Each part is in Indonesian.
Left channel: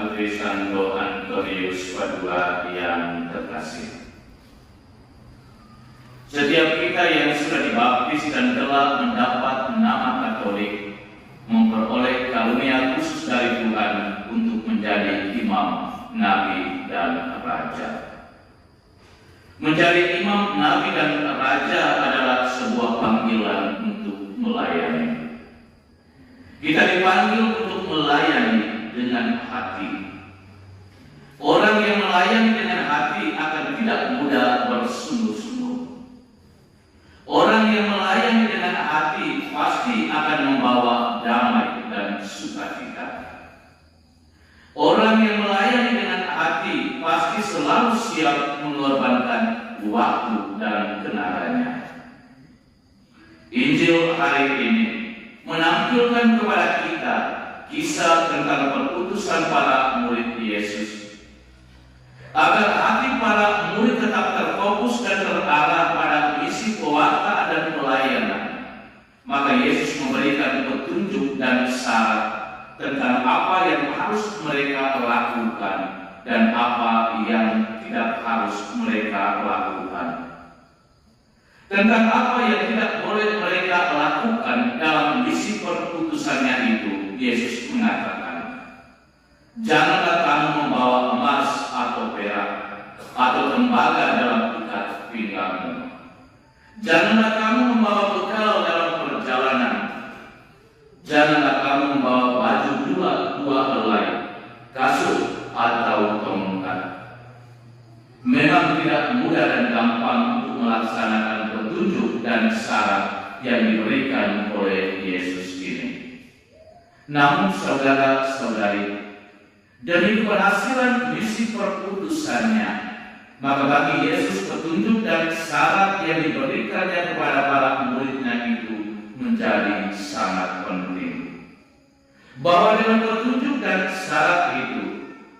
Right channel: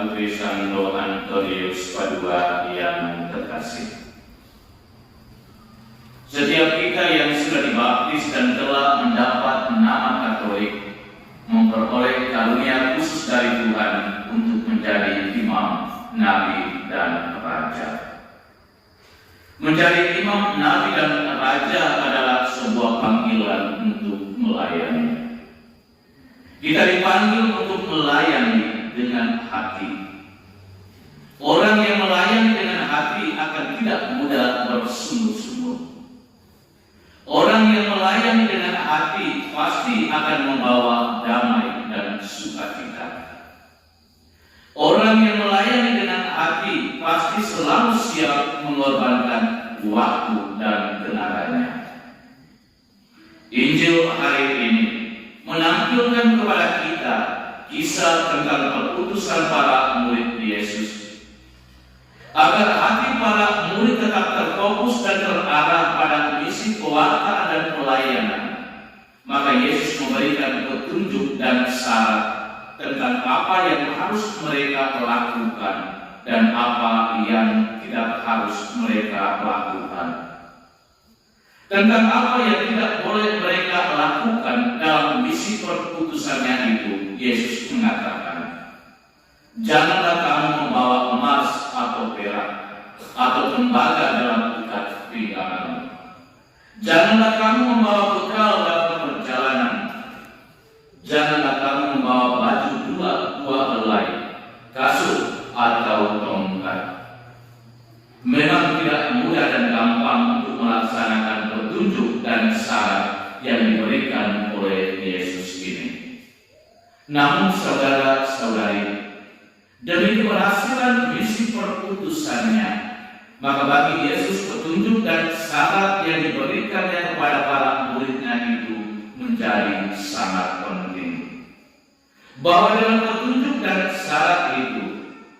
Putri Sando Antonius Padua yang terkasih. Setiap kita yang sudah dibaptis dan telah mendapat nama Katolik memperoleh karunia khusus dari Tuhan untuk menjadi imam, nabi, dan raja. Menjadi imam, nabi, dan raja adalah sebuah panggilan untuk melayani. Kita dipanggil untuk melayani dengan hati. Orang yang melayani dengan hati akan tidak mudah bersungguh-sungguh. Orang yang melayani dengan hati pasti akan membawa damai dan sukacita. Orang yang melayani dengan hati pasti selalu siap mengorbankan waktu dan tenaganya. Injil hari ini menampilkan kepada kita kisah tentang perutusan para murid Yesus. Agar hati para murid tetap terfokus dan terarah pada misi pewartaan dan pelayanan, maka Yesus memberikan petunjuk dan syarat tentang apa yang harus mereka lakukan dan apa yang tidak harus mereka lakukan. Tentang apa yang tidak boleh mereka lakukan dalam misi perutusannya itu, Yesus mengatakan, janganlah kamu membawa emas atau perak atau tembaga dalam ikat pinggangmu. Janganlah kamu membawa bekal dalam perjalanan. Janganlah kamu membawa baju dua helai, kasut atau tongkat. Memang tidak mudah dan gampang untuk melaksanakan petunjuk dan syarat yang diberikan oleh Yesus ini. Namun saudara-saudari, demi keberhasilan misi perutusannya, maka bagi Yesus petunjuk dan syarat yang diberikannya kepada para muridnya itu menjadi sangat penting. Bahwa dengan petunjuk dan syarat itu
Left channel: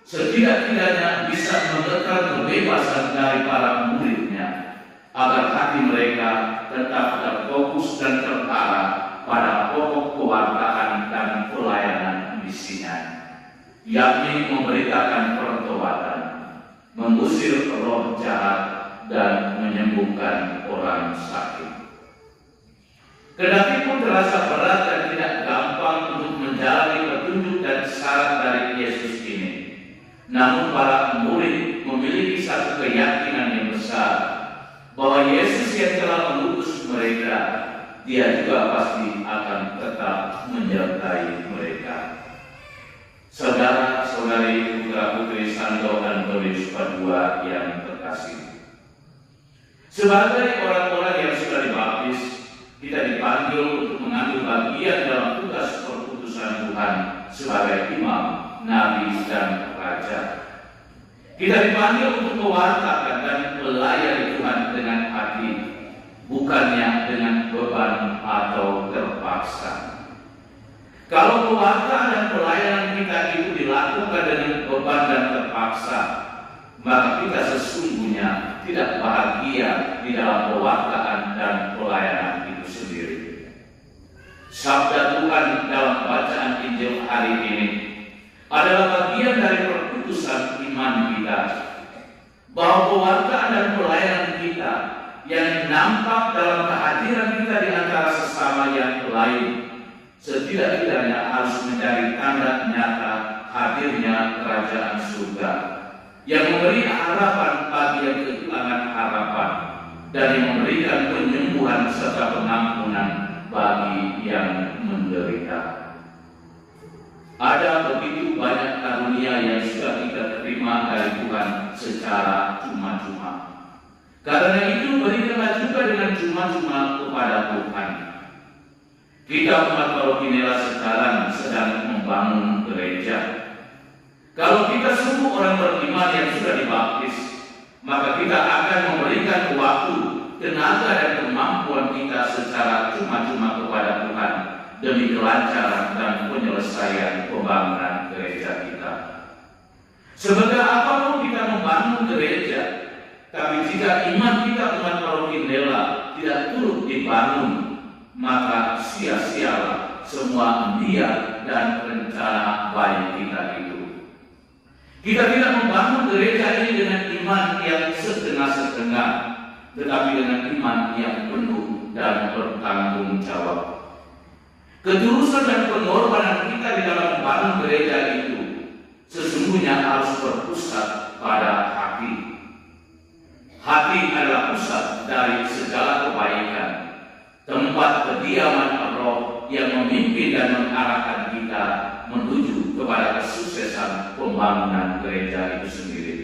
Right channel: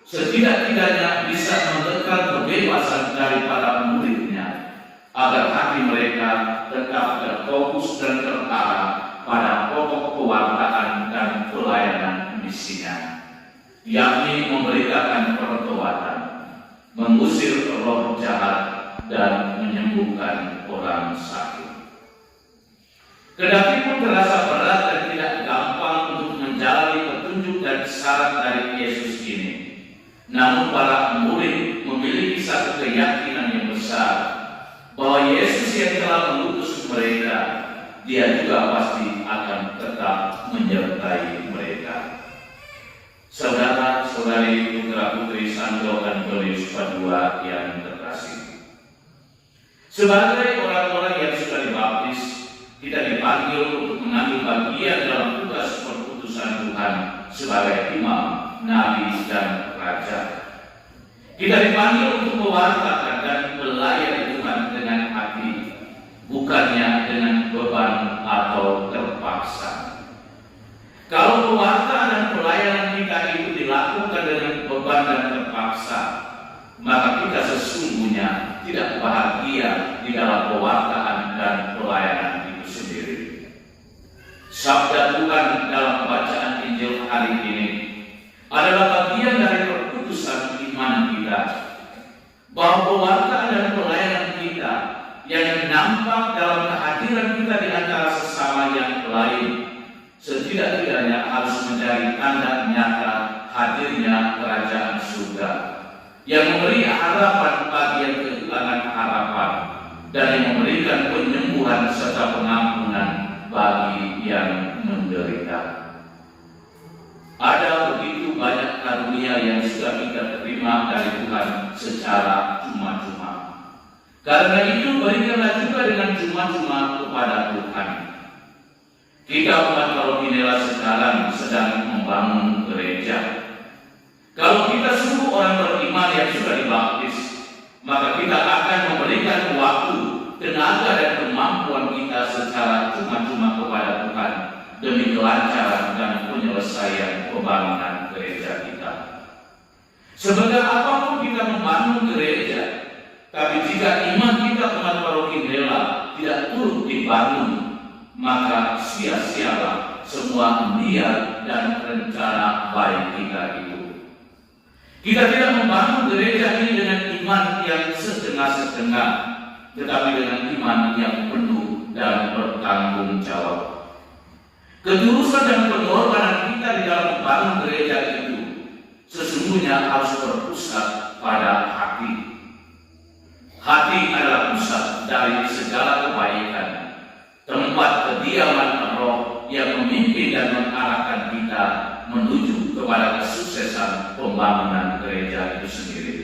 setidak-tidaknya bisa memberikan kebebasan dari para muridnya agar hati mereka tetap terfokus dan terarah pada pokok kewartaan dan pelayanan misinya, yakni memberitakan pertobatan, mengusir roh jahat, dan menyembuhkan orang sakit. Kendati pun terasa berat dan tidak gampang untuk menjalani petunjuk dan syarat dari Yesus ini, namun para murid memiliki satu keyakinan yang besar bahwa Yesus yang telah mengutus mereka, Dia juga pasti akan tetap menyertai mereka. Saudara-saudari putra putri Santo Antonius Padua yang terkasih, sebagai orang-orang yang sudah dibaptis, kita dipanggil untuk mengambil bagian dalam tugas perutusan Tuhan sebagai imam, nabi, dan raja. Kita dipanggil untuk mewartakan dan melayani Tuhan dengan hati, bukannya dengan beban atau terpaksa. Kalau pewartaan dan pelayanan kita itu dilakukan dengan beban dan terpaksa, maka kita sesungguhnya tidak bahagia di dalam pewartaan dan pelayanan itu sendiri. Sabda Tuhan dalam bacaan Injil hari ini adalah bagian dari perutusan iman kita, bahwa pewartaan dan pelayanan kita yang nampak dalam kehadiran kita di antara sesama yang lain setidak-tidaknya harus menjadi tanda nyata hadirnya kerajaan surga yang memberi harapan bagi yang kehilangan harapan dan yang memberikan penyembuhan serta pengampunan bagi yang menderita. Ada begitu banyak karunia yang sudah kita terima dari Tuhan secara cuma-cuma. Karena itu berikanlah juga dengan cuma-cuma kepada Tuhan. Kita umat paroki Nela sekarang sedang membangun gereja. Kalau kita sungguh orang beriman yang sudah dibaptis, maka kita akan memberikan waktu, tenaga, dan kemampuan kita secara cuma-cuma kepada Tuhan demi kelancaran dan penyelesaian pembangunan gereja kita. Sebenarnya apapun kita membangun gereja, tapi jika iman kita umat paroki Nela tidak turut dibangun, maka sia-sialah semua niat dan rencana baik kita itu. Kita tidak membangun gereja ini dengan iman yang setengah-setengah, tetapi dengan iman yang penuh dan bertanggung jawab. Ketulusan dan pengorbanan kita di dalam membangun gereja itu sesungguhnya harus berpusat pada hati. Hati adalah pusat dari segala kebaikan, tempat kediaman Roh yang memimpin dan mengarahkan kita menuju kepada kesuksesan pembangunan gereja itu sendiri.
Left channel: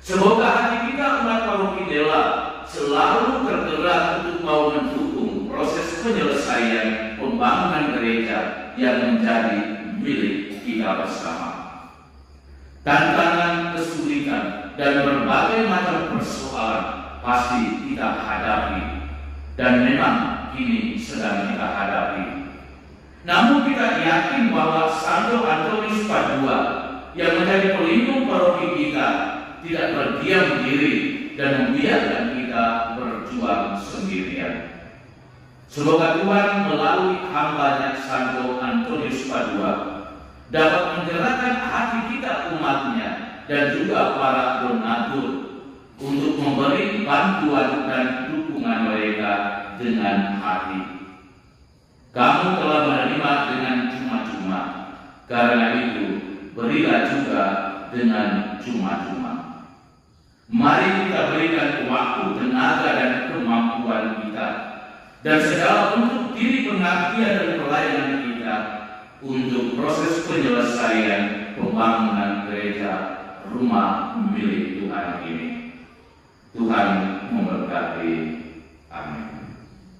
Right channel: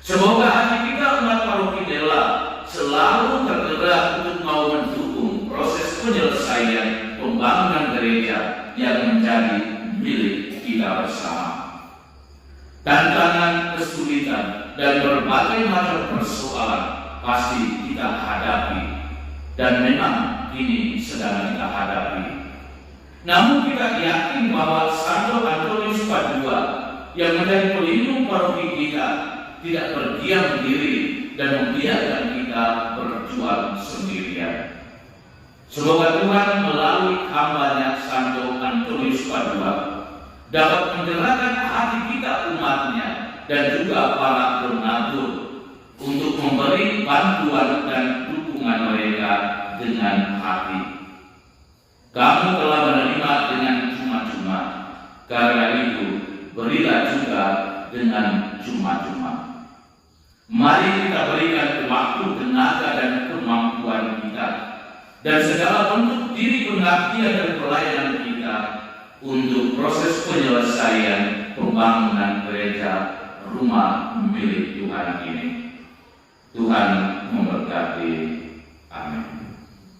Semoga hati kita umat paroki Dela selalu tergerak untuk mau mendukung proses penyelesaian pembangunan gereja yang menjadi milik kita bersama. Tantangan, kesulitan, dan berbagai macam persoalan pasti kita hadapi, dan memang ini sedang kita hadapi. Namun kita yakin bahwa Santo Antonius Padua yang menjadi pelindung paroki kita tidak berdiam diri dan membiarkan kita berjuang sendirian. Semoga Tuhan melalui hambanya Santo Antonius Padua dapat menggerakkan hati kita umatnya dan juga para donatur untuk memberi bantuan dan dukungan mereka dengan hati. Kamu telah menerima dengan cuma-cuma, karena itu berilah juga dengan cuma-cuma. Mari kita berikan waktu, tenaga, dan kemampuan kita dan segala bentuk diri pengabdian dan pelayanan kita untuk proses penyelesaian pembangunan gereja rumah milik Tuhan ini. Tuhan memberkati. Amin.